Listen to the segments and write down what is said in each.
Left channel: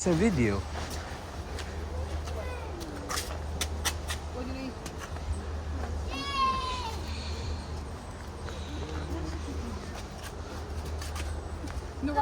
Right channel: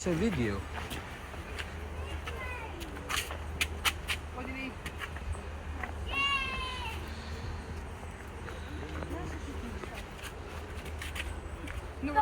It's a video. What do you need? No.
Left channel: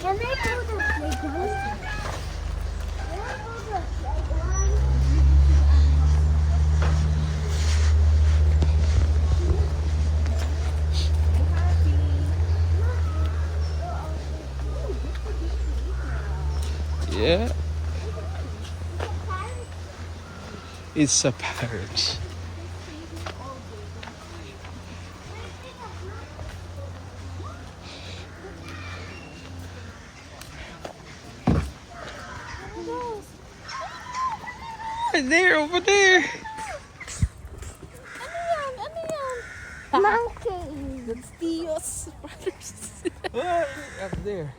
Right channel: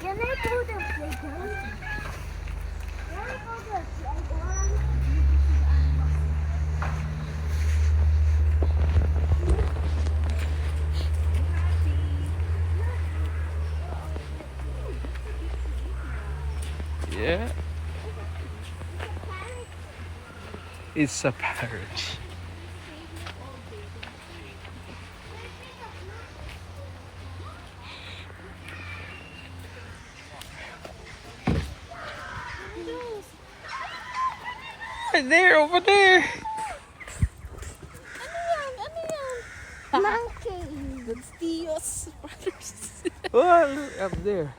Can I go to the playground? Can I go to the playground? Yeah. It's a parrot. Right there, over there. Monkey. That's Tio's brothers. Oh, look up there.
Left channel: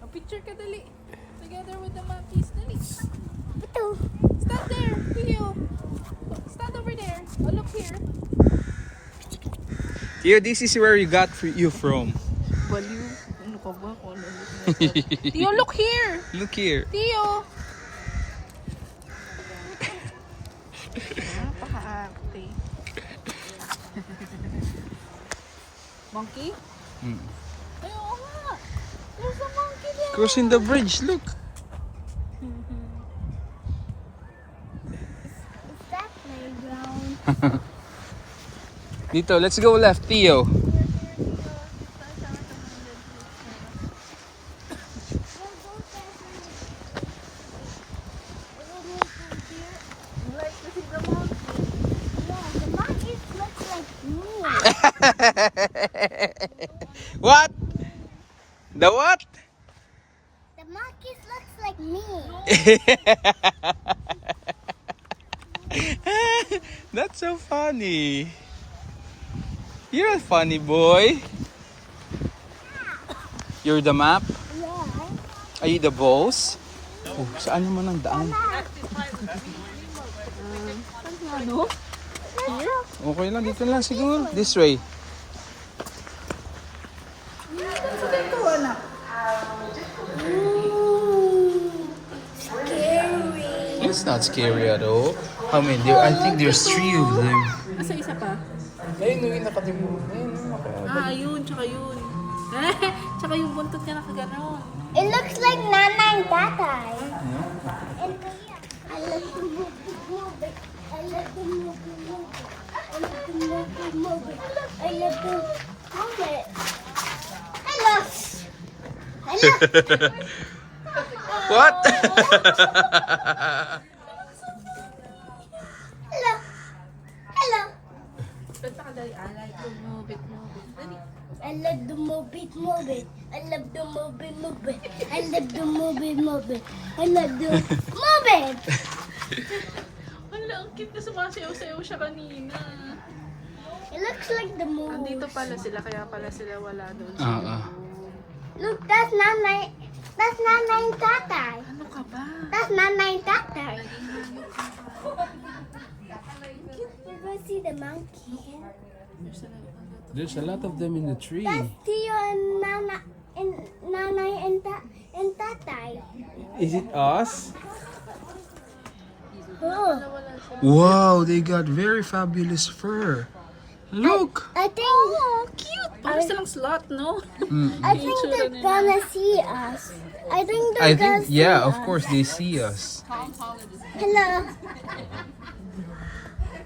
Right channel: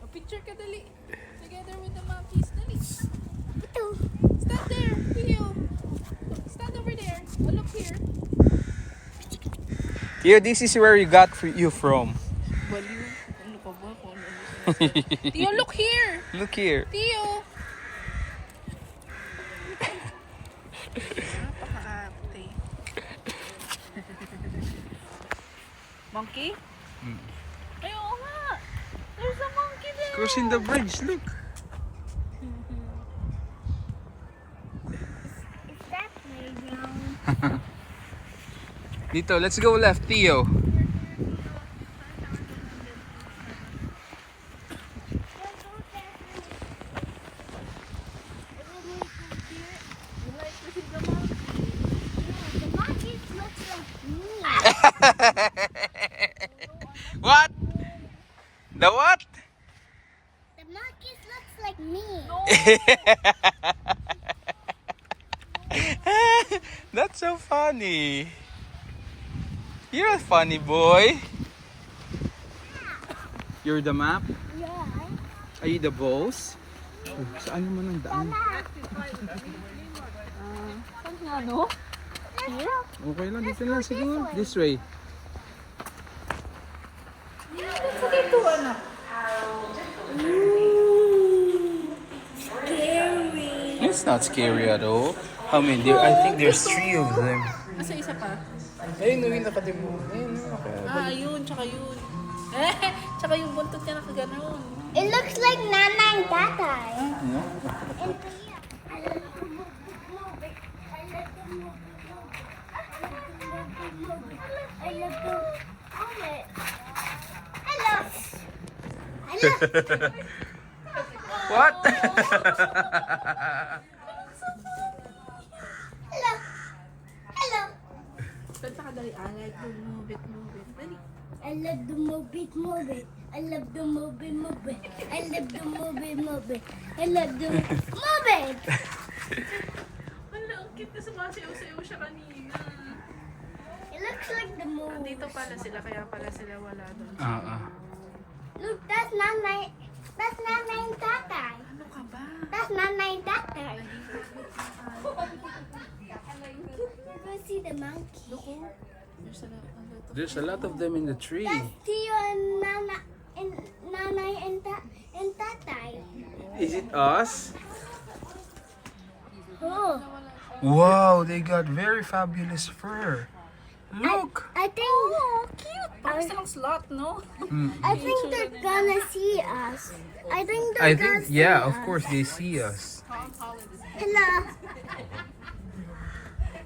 A picture ka dali. Together with the monkeys. Dali. Ito. Stand there, Tio. Stand over there. Oh, look here. Theo, this is where you got you from. Baliw. Ano ka ba? Tio, look here. Look here. Tio. Napaka-arte. Monkey? Mm. Ay, oo nga. There's a monkey there. Crossing the bridge, look. Is that playground? Dito, let's go left, Theo. Yeah, the monkeys look like me. What? The what? The monkeys looks like me. That's so funny. You're a funny boy. You're the map? Yeah. Are you the boss? Oh, saan naman ang daan? Ano? Okay lang, dito lang siguro. This way. Sa dito, anak. Scary. It's not scary at all. How many? I think there's 3 of them. Nasa isa pa? Ayun, yung nakatibo. Ayun, Ayun, tsaka yun. Tsaka yung buntot niya nakaganon. It looks like Nana and Tatay. And Kuya. I love to move it. I love to move it. I love to move it. I love to move it. I love. What? Hello. Hello. I like to move it, move it. Dali. I love to move it, move it. I love to move it, move it. I love to move it, move it. I love to move it. Wala, ang cute na sumasayaw-sayaw siya kanina. It looks like the moon. Nandito pala sila, kaya pala sila wala doon. Look, that's Nana. That's Nana and Tatay. Ano ka ba? That's Nana and Tatay. We're gonna see the monkey. There's There's a a lot. lot of them in the tree. That's Tio and Nana and Tatay. Is it us? Oh, Wow, they got very fabulous fur. Look. I think. Oh, cute! Parang silang slot, no? I think they're gonna see us. I think I they're gonna think, see yeah, us. of course they see us. Hello.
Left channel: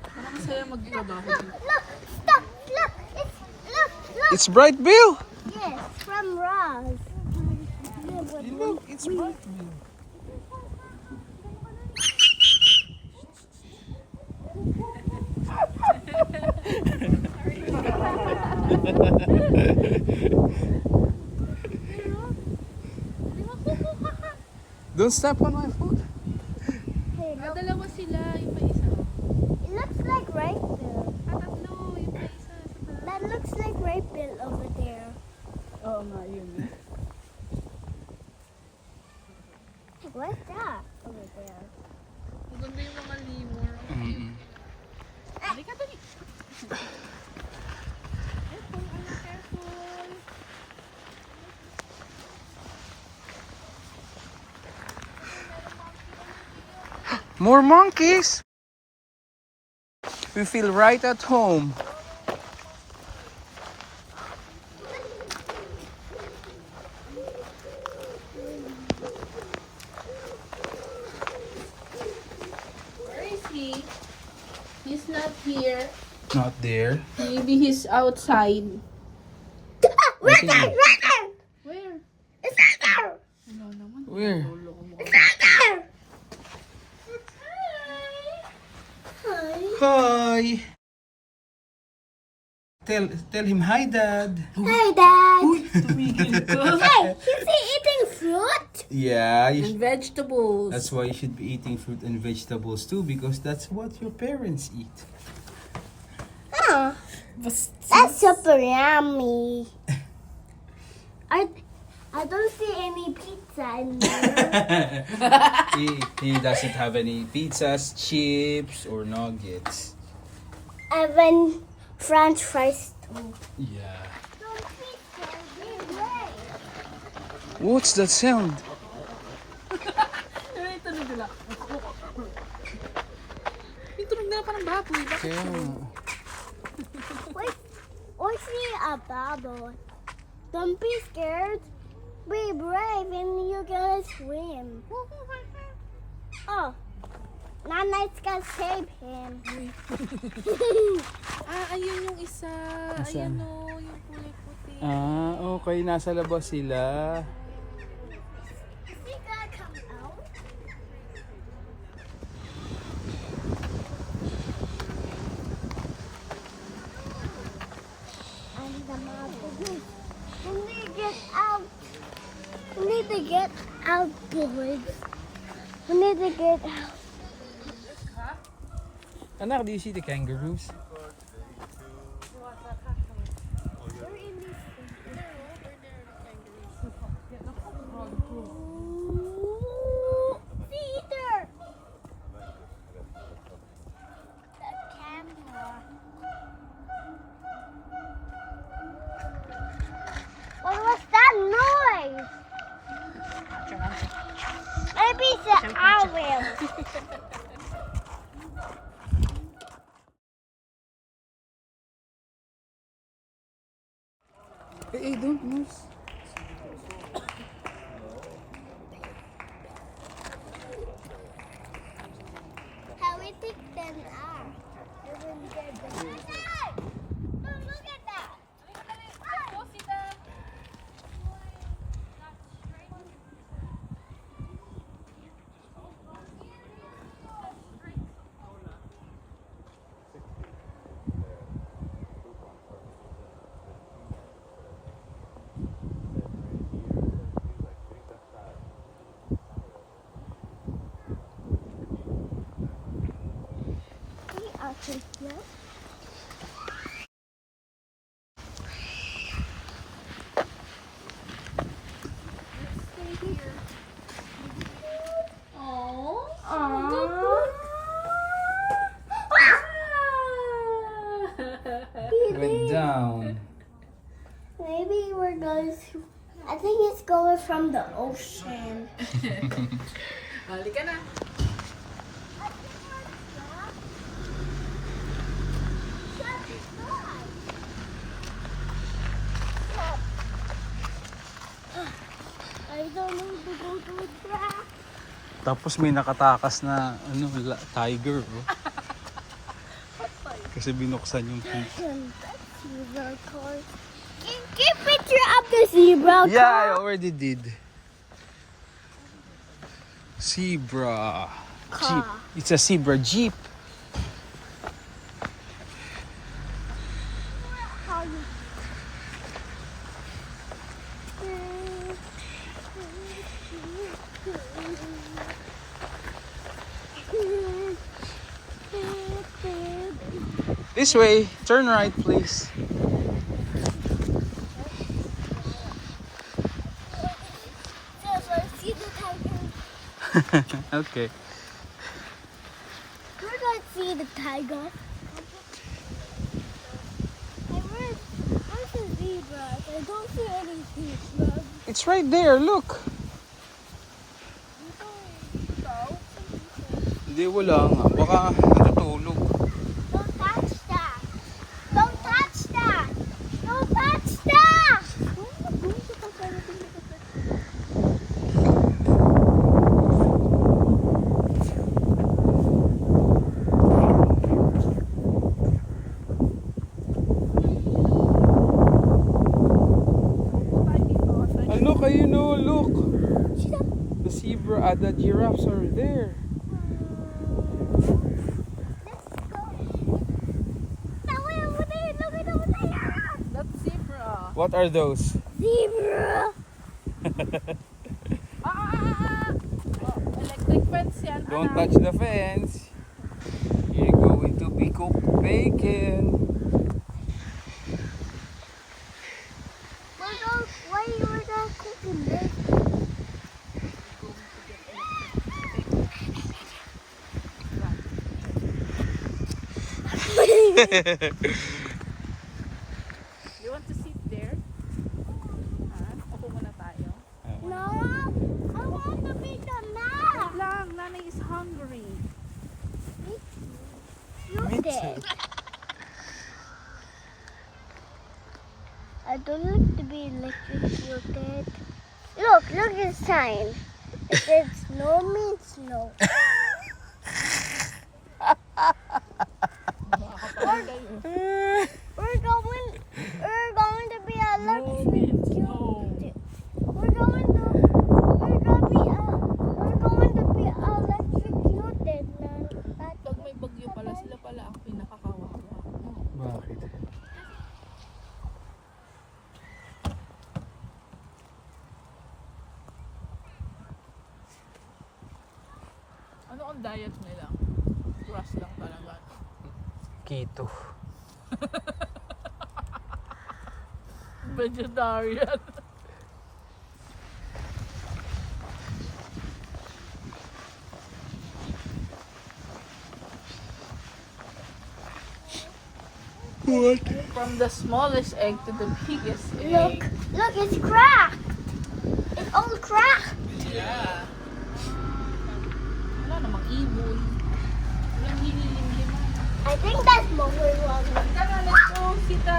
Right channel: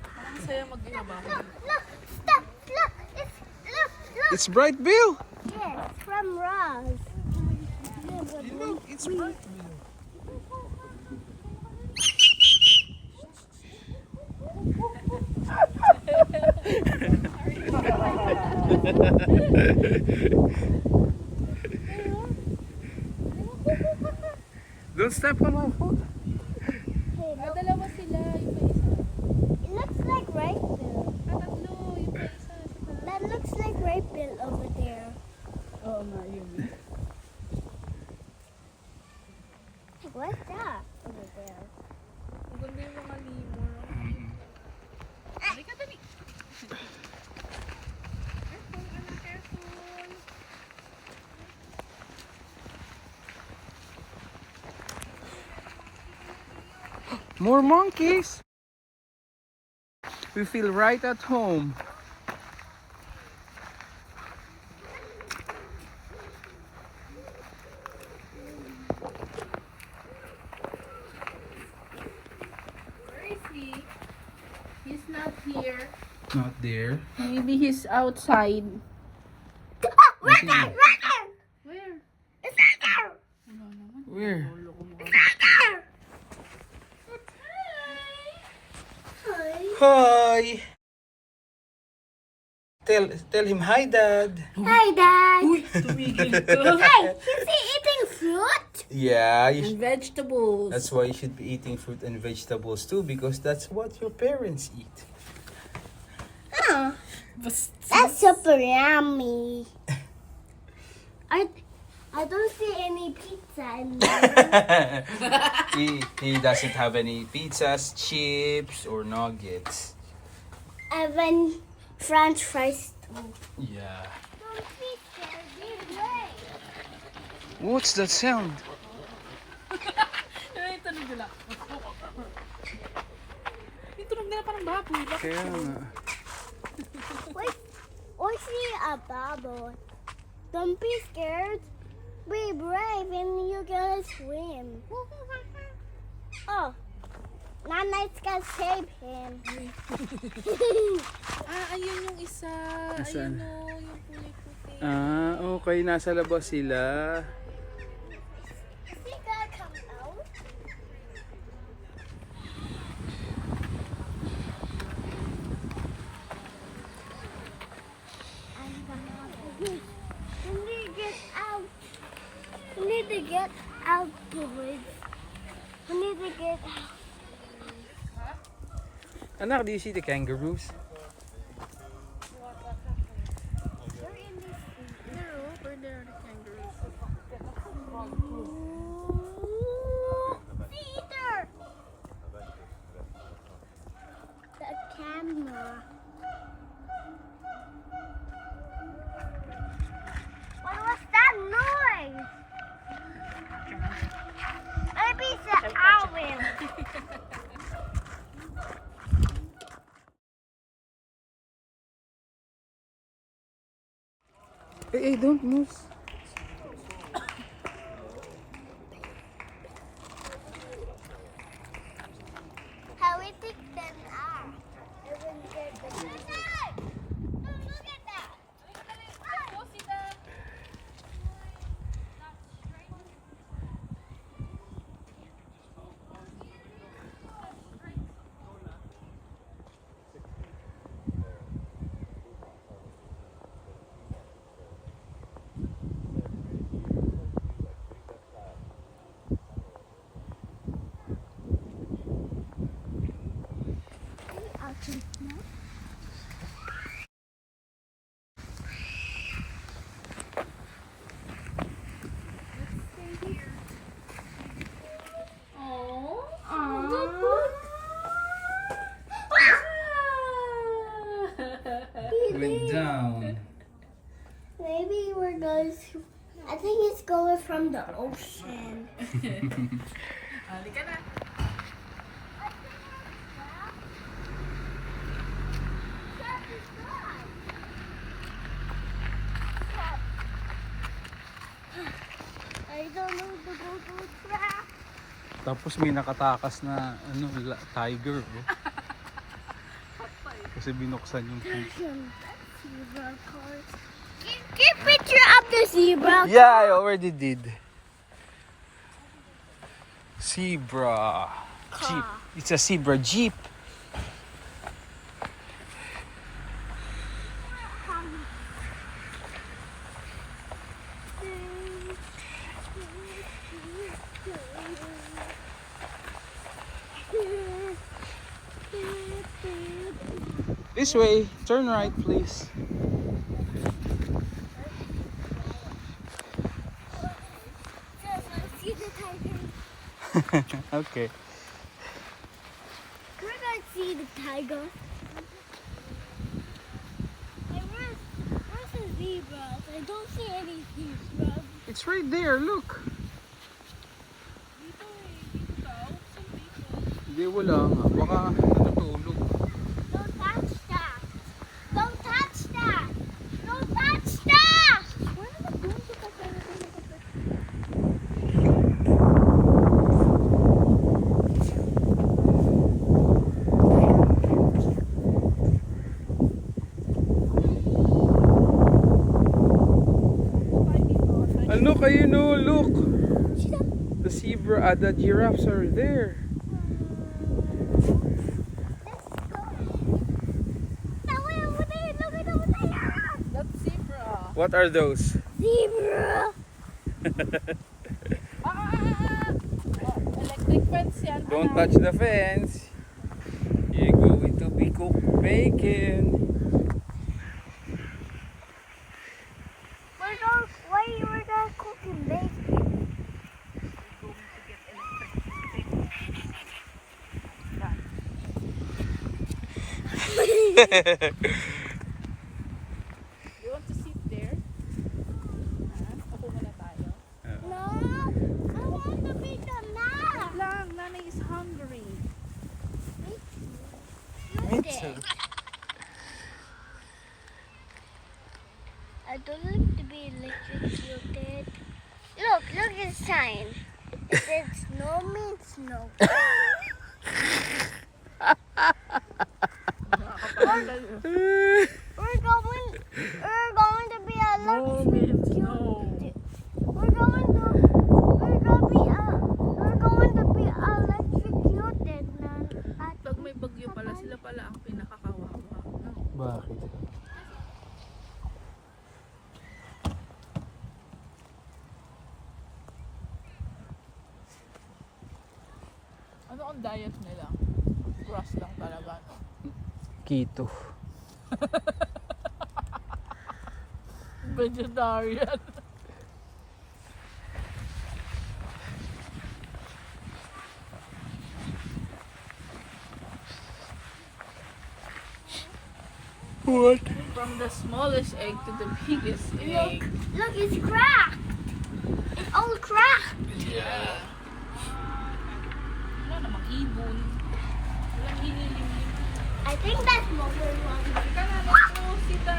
Parang saya magtrabaho. Look, stop, look, look. It's Bright Bill. Yes, from Ross. Yeah, but look, It's Bright Bill. Don't step on my foot. Dalawa sila, yung pa isa. it looks like right bill. Tatlo, yung pa isa. That looks like right bill over there. More monkeys. We feel right at home. Where is he? He's not here. Not there. Maybe he's outside. Right think- there, right there. Where? It's right there. Where? It's right there. Hi. Hi. Tell him hi, Dad. Hi, Dad. Tumigil ka. Hey, is he eating fruit? Yeah, And vegetables. that's why you should be eating fruit and vegetables too, because that's what your parents eat. Oh, Basta. that's super yummy. I don't see any pizza in there. he doesn't have any pizzas, chips, or nuggets. And then French fries too. Yeah. Don't be scared. What's that sound? Ay, tunog nila. Yung tunog nila parang baboy. Kaya nga. Wait, see a bubble. Don't be scared. Be brave and you're gonna swim. Oh, Nanay's gonna save him. Ayun yung isa. Nasaan? Ayun o, yung puti-puti. Okay. Nasa labas sila. Is he gonna come out? And the mother. We need to get out. We need to get out, boys. We need to get out. Anak, do you see the kangaroos? We're in this. Peter! The camera. What was that noise? Maybe it's an owl. Hey, don't move. How we think them are. Look at that. It went down. Maybe we're going to. I think it's going from the ocean. Halika na. I don't know to go to track. Tapos may nakatakas na tiger. Oh. Kasi binuksan yung feet. Zebra car. Get picture of the zebra. Yeah, I already did. Zebra. It's a zebra jeep. This way. Turn right, please. See the tiger. Okay. We're gonna see the tiger. Hey, where's the zebras? I don't see any zebras. It's right there. Look. Hindi, wala nga. Baka natutulog. Don't touch that. Don't touch that. Don't touch that. And look, you know, look. The zebra, the giraffes are there. Let's go. That way over there. Look at over there. That's zebra. What are those? Zebra. Oh, electric fence yan. Don't anak. touch the fence. You're going to be cooked bacon. Why you were not cooking bacon? You want to sit there? Ha? Upo muna tayo. No, I want to be the map. Wait lang, nanay is hungry. Okay. I don't like to be electrocuted. Look at the sign. It says snow means snow. We're going to be electrocuted. No. We're going to be electrocuted. Pag may bagyo pala, sila pala ang pinakakawawa. No? Bakit? Ano ang diet nila? Grass lang talaga. Keto. Vegetarian. What? From the smallest egg to the biggest Look, egg. look, it's cracked. It's all cracked. Yeah. Wala namang ibon. Walang nililimliman. I think that's mother wrong. Tara, let's go see the...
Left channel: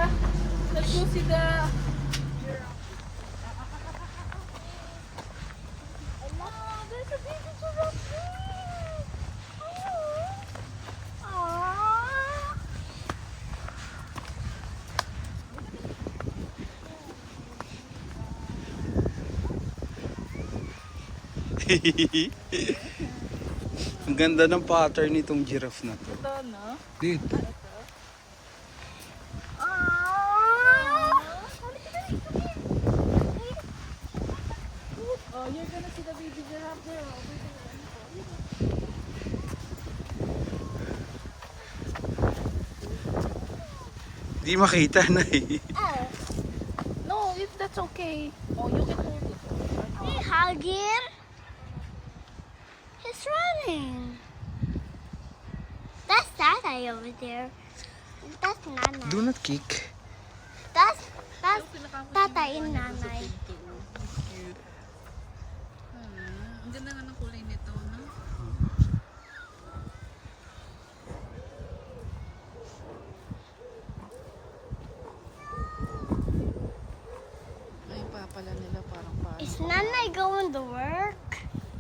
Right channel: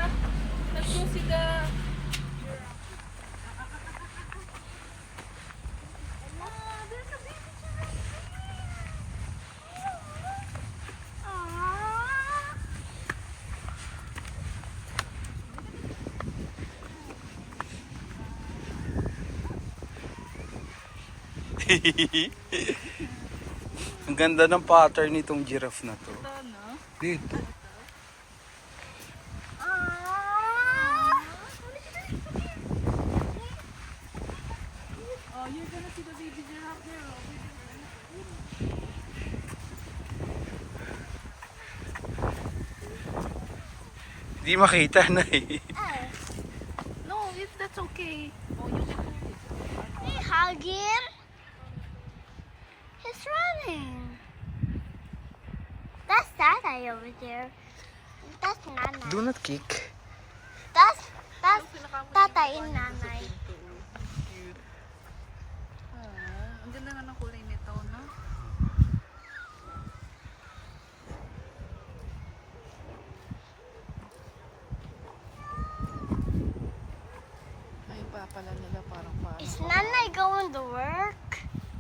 Let's go see the... There's a baby giraffe. Aww. Ang ganda ng pattern nitong giraffe na to. Ito, no? Dito. Oh, you're gonna see the baby giraffe there. Di makita na eh. No, if that's okay. Oh, you can hold it. Hey, hug him. He's running. That's Tata over there. That's Nana. Do not kick. That's Tata and Nana. Ang ganda nga ng kulay nito, no? Ay, papala nila parang parang. Is Nana going to work?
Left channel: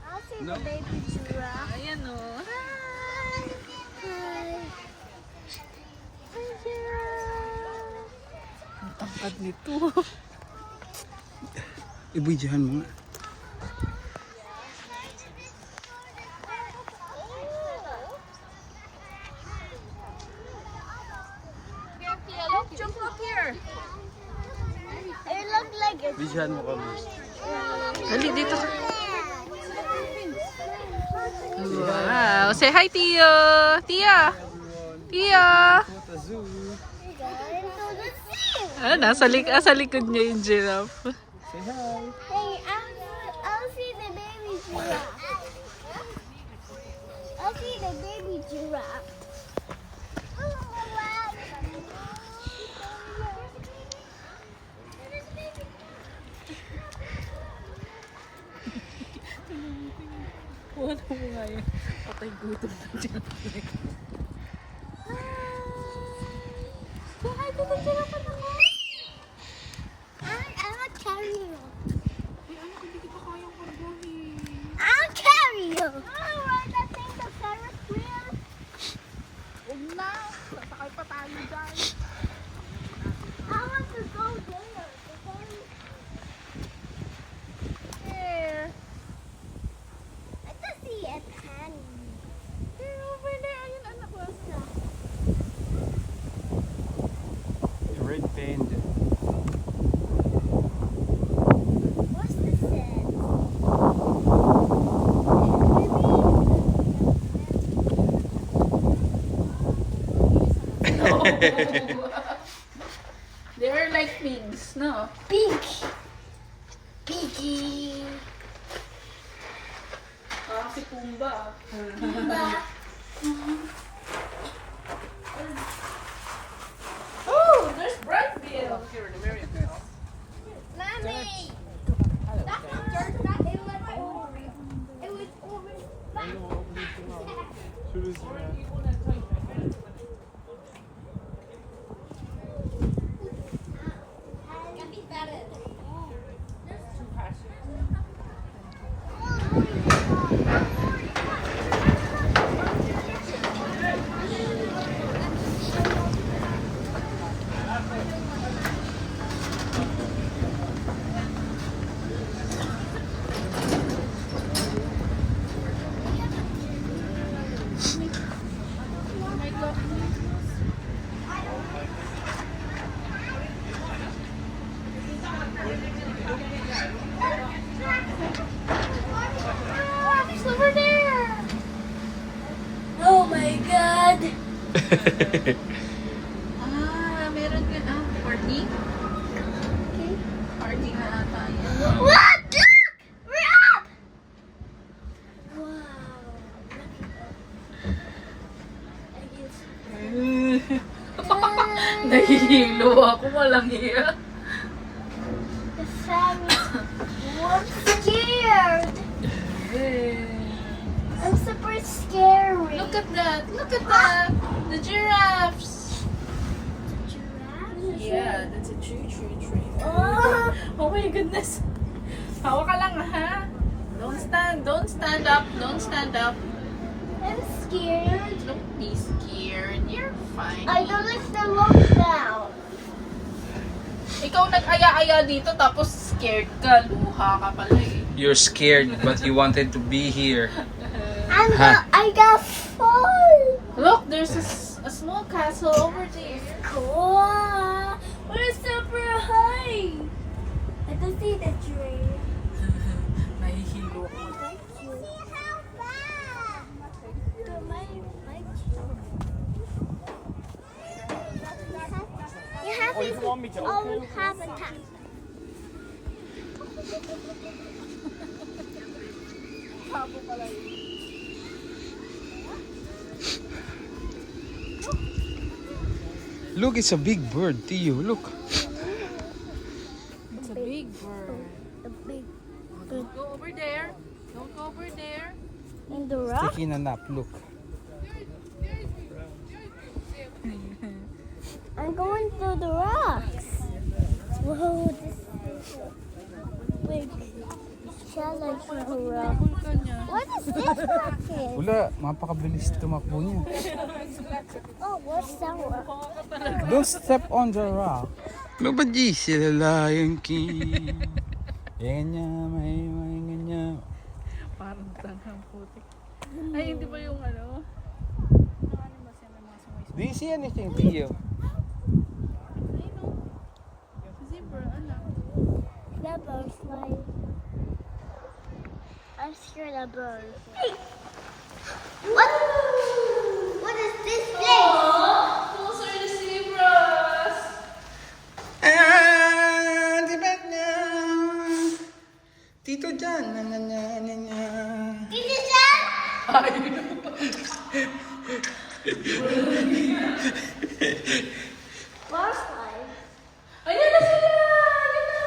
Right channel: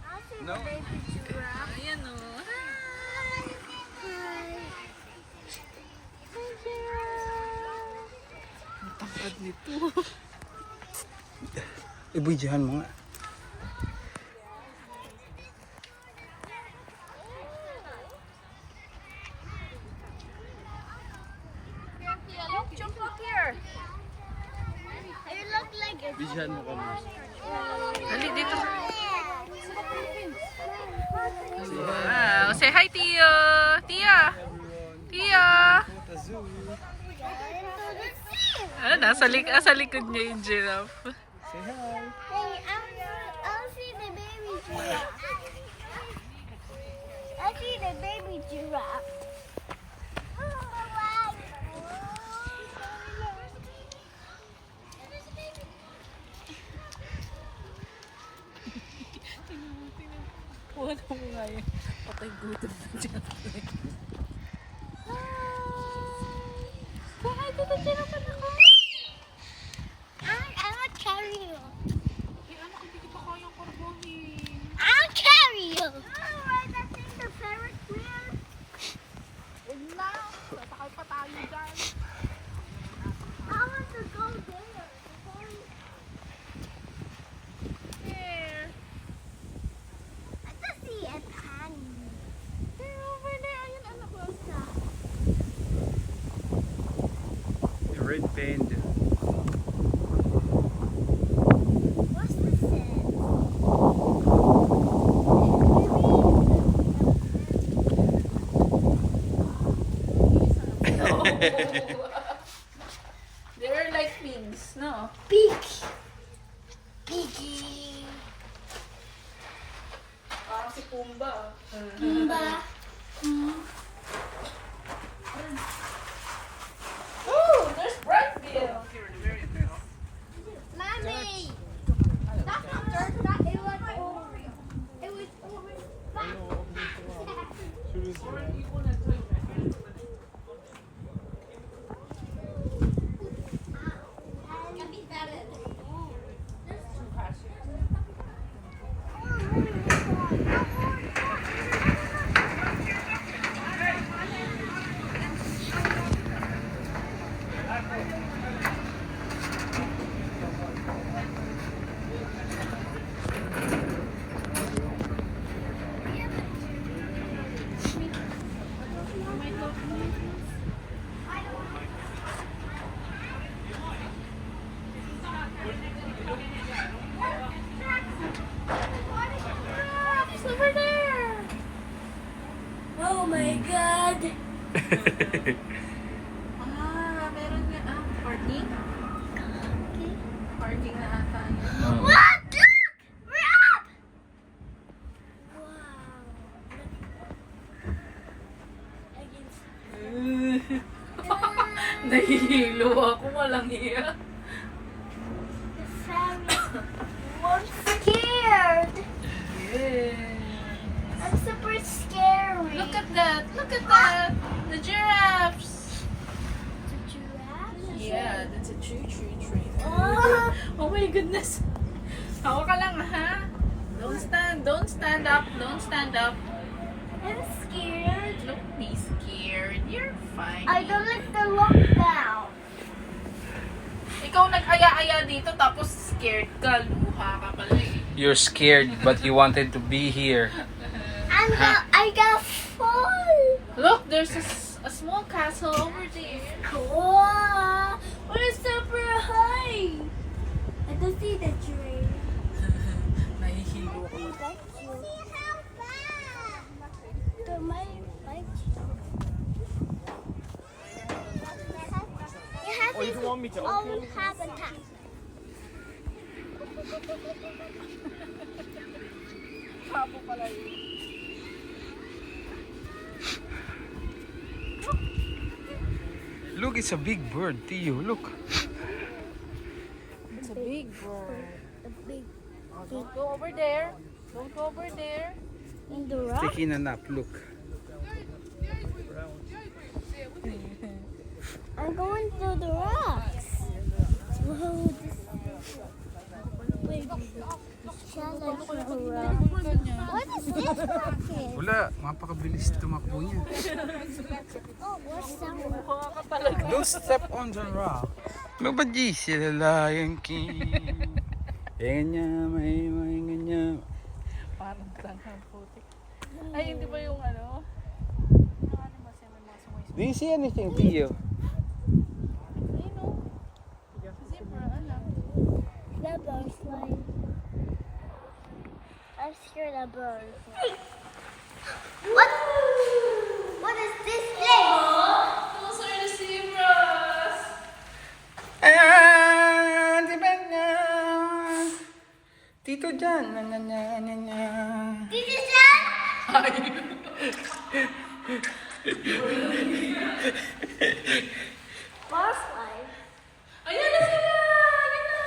I'll see No. the baby giraffe. Ayan, no? Hi. Ang tangkad nito. Ibigyan mo nga. Here, Tia, look, jump up here. It looks like it's Ibigyan mo kami. Dali, dito ka. Wow, say hi, Tia. Tia. Tia. At the zoo. going to the sea. Ah, sa likod niya yung giraffe. Say hi. Hey, I'll see the baby giraffe. I'll see the baby giraffe. Wala mo nga yun. Patay gutom na dyan. Ay, dito tinapan ako. I'll carry you. Ay, anak, hindi kita kayang pagbuhin. I'll carry you. Oh, right, I think the Ferris wheel. Huwag na. Sasakay pa tayo dyan. I want to go there. The Ferris. There. I just see a pen. There, over there. Ayun, anak ko. Red panda. What's this in? They are like pigs, no? Pink. Piggy. Ah, si Pumba. Pumba. Oh, there's Brightville. Mommy. That's not dirt. It was over. It was over. Over there. Oh my God. Ah, meron ka na. Party? Okay. Party na ata. What? Look! We're up! Wow. Nahihilo ako. Walang iya. The Ferris. I'm scared. I'm super scary. Look at that. Look at that. The giraffes. Giraffe? Yeah, that's a tree. Oh, Oh my goodness. Hawa ka lang, ha? Don't stand up. Don't stand up. I'm scared. Don't be scared. You're fine. I don't like the lockdown. Ikaw nag-aya-aya dito tapos scared ka. Luha ka pala eh. You're scared, but you wanted to be here. I got fall. Look, there's a small castle over there. Cool. But it's super high. I can see the tree. Nahihilo ako. Thank you. See how far. You have its own habitat. Pabo pala yun. Look, it's a big bird, Tio. Look. It's a big bird. The big Go over there. Go over there. in the rock. Taking a nap. Look. I'm going through the rocks. Whoa, this is a big challenge for a rock. What is this rocket? Wala, mapakabilis tumakbo niya. Oh, what's that rock? Don't step on the rock. Mabaji sila Lion King. Ganyan, may ganyan. Parang tanghang putik. Ay, hindi ba yung ano? Do you see anything, Tio? Zebra, anak. The butterfly. I'm scared of birds. What? What is this place? Those are the zebras. Ah, di ba na? Tito dyan. Na, na, na, na, na. Did you say? Butterfly. Ayan na sila! Ayan na!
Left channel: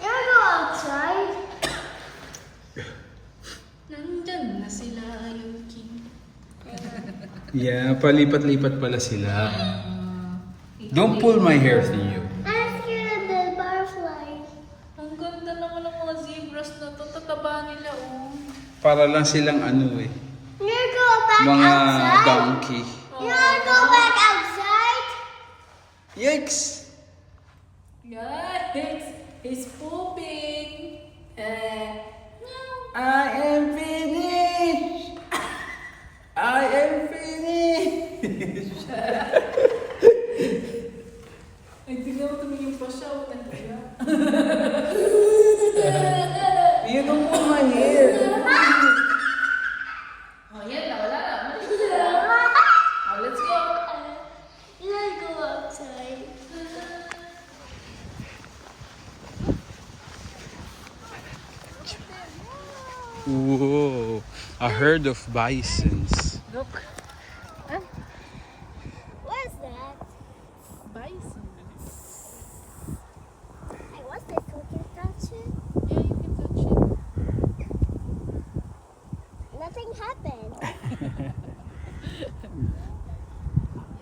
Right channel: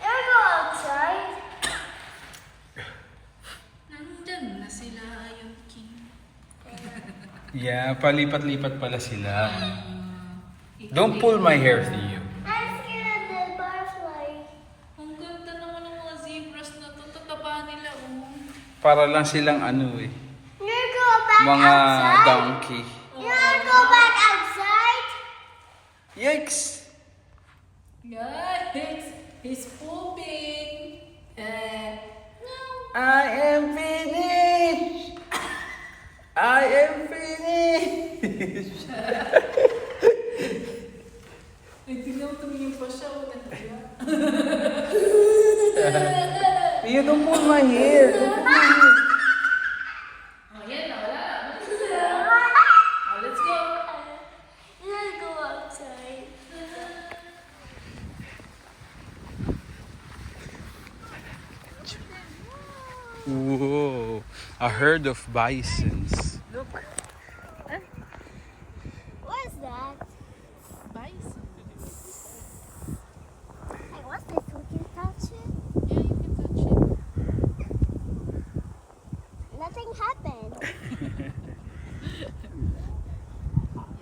Can I go outside? Yeah, palipat-lipat pala sila. Don't pull my hair, Theo. I'm scared of the butterfly. Ang ganda naman ng mga zebras na to. Tataba nila, oh. Para lang silang ano eh. You wanna go back Mga outside? donkey. You wanna go back outside? Yikes! Guys, he's pooping. I am finished! I am finished! Ay, tignan mo, tumingin pa siya. Wala na siya. You don't pull my hair. Oh, yan na. Wala na. Oh, let's go. You wanna go outside? Whoa, a herd of bisons. What is that? Bison. Hey, what's this? We can touch it? Yeah, you can touch it. Nothing happened.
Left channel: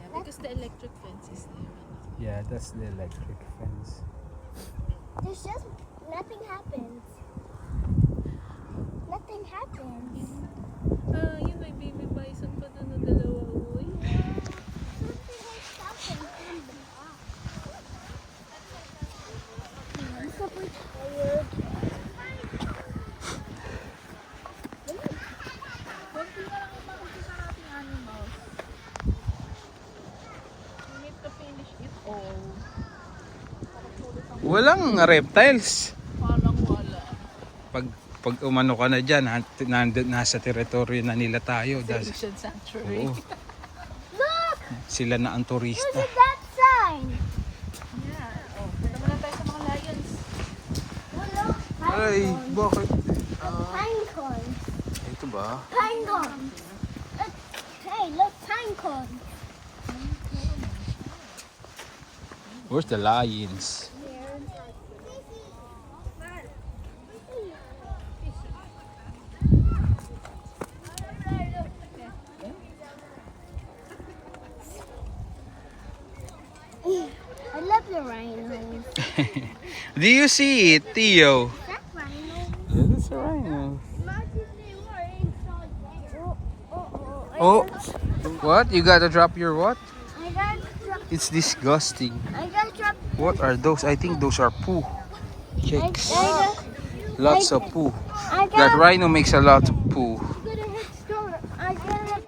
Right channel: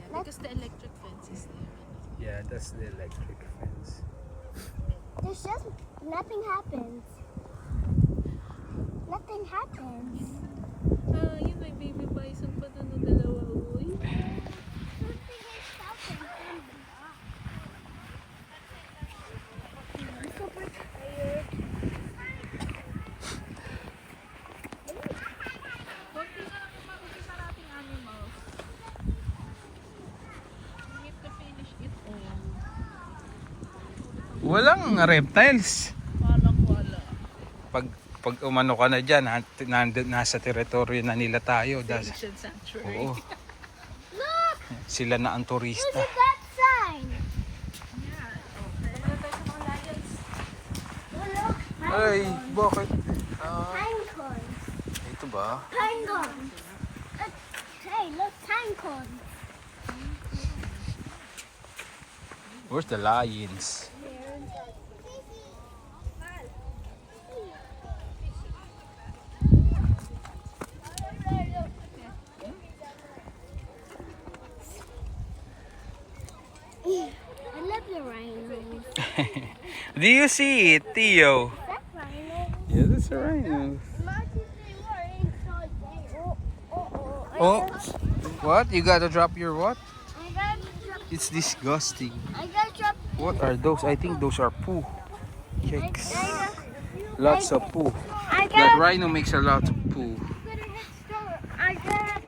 Yeah, because the electric fence is there. Yeah, that's the electric fence. There's just nothing happened. Nothing happened. Yun, may baby bison pa doon na dalawa. Uy. Something has happened from the box. I'm super tired. Konti na lang yung makikita sa ating animals. We need to finish it all. Walang reptiles. Parang wala. Pag umano ka na dyan, nasa teritoryo na nila tayo. Ancient sanctuary. Oo, Look! sila na ang Look turista. at that sign. Yeah. Oh, punta muna tayo sa mga lions. Look, Ay, bakit? pine cones. Ito ba? Pine cones. Hey, look, pine cones. Where's the lions? I love the rhinos. Do you see it, Theo? That rhino. Yeah, that's a rhino. Oh, Oh, what? You gotta drop your what? I got, It's disgusting. I got drop. What are those? I think those are poo. Chicks. I Lots of poo. got, That rhino makes a lot of poo.